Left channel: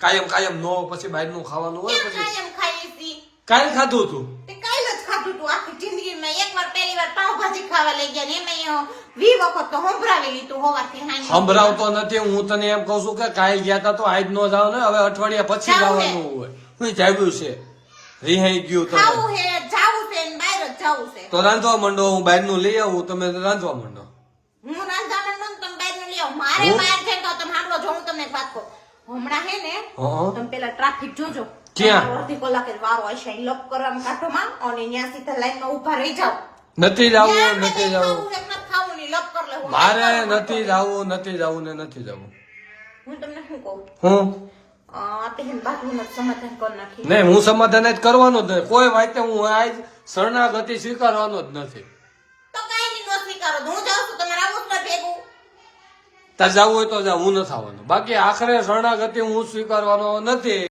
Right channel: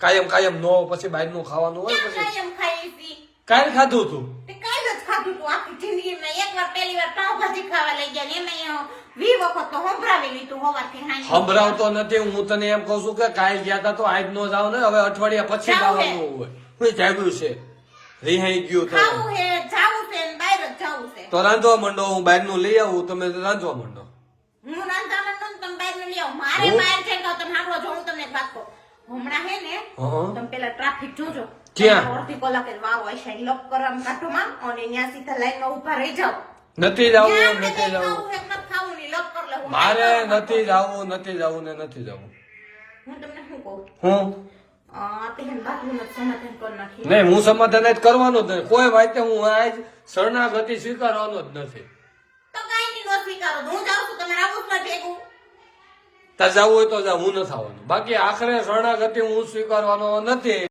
કાયમ કાયમ નો પછી બહારનું ખાવાનું હોય પછી કાયમ ખાઈ છી કાલ ખાધું તું તે કાલ જ ખાધું તું આખી જિંદગીમાં એકવાર પહેલી વાર પાવભાજી ખાવા લઈ ગયા ને એમાં 20 વખત તો સંભળાવી લીધું હોવાથી સંભળાવતો નથી હું તને એમ કહું છું કે કાલ ગયા તા તો આજ નો જાવ ને હવે અઠવાડિયા પછી જવાનું હોય હું જાગ્યું છે રિહાઈ ગયું તો ખાવું હે જાવું છે ને બહાર જ જાવું છે તો રાંધવા માંડો હું બહારનું લઈ આવું તમે રાંધવા માંડો હું રાંધવા માંડું ને તમે બહારનું લઈ આવો મારે બહાર જઈને તો તમે હાંડવો જો હું તમને એક વાત કહું હમણાં હે ને તમે પેલા ટ્રાફિક જોજો ક્યાં? અડધી કલાકે વારો હશે લોક કરવામાં કાઢોમાં અને ત્યાં સીધા લાઈનમાં ઊભા રહી જાવ નથી જવું નથી જવું ખાવું ની લપ કર લેવું મારે નથી જવું નથી જવું ને નથી જવું હું તમને શું કહું હું તે બાપુને સમાધાન કરી નાખી નહીં હું સમાધાન જ કરવાનું જ નહીં કોઈ વાતે હું આજ શરણાગતિ સ્વીકારવાનો જ નથી તો કાઈ ની નો સ્વીકારો હું જાઉં છું તમે રાવો પર ભેગું ત્યાં જવું હોય તો જા હું નથી આવવાનું બાકી આખરે શરણાગતિ હું સ્વીકારવાનો નથી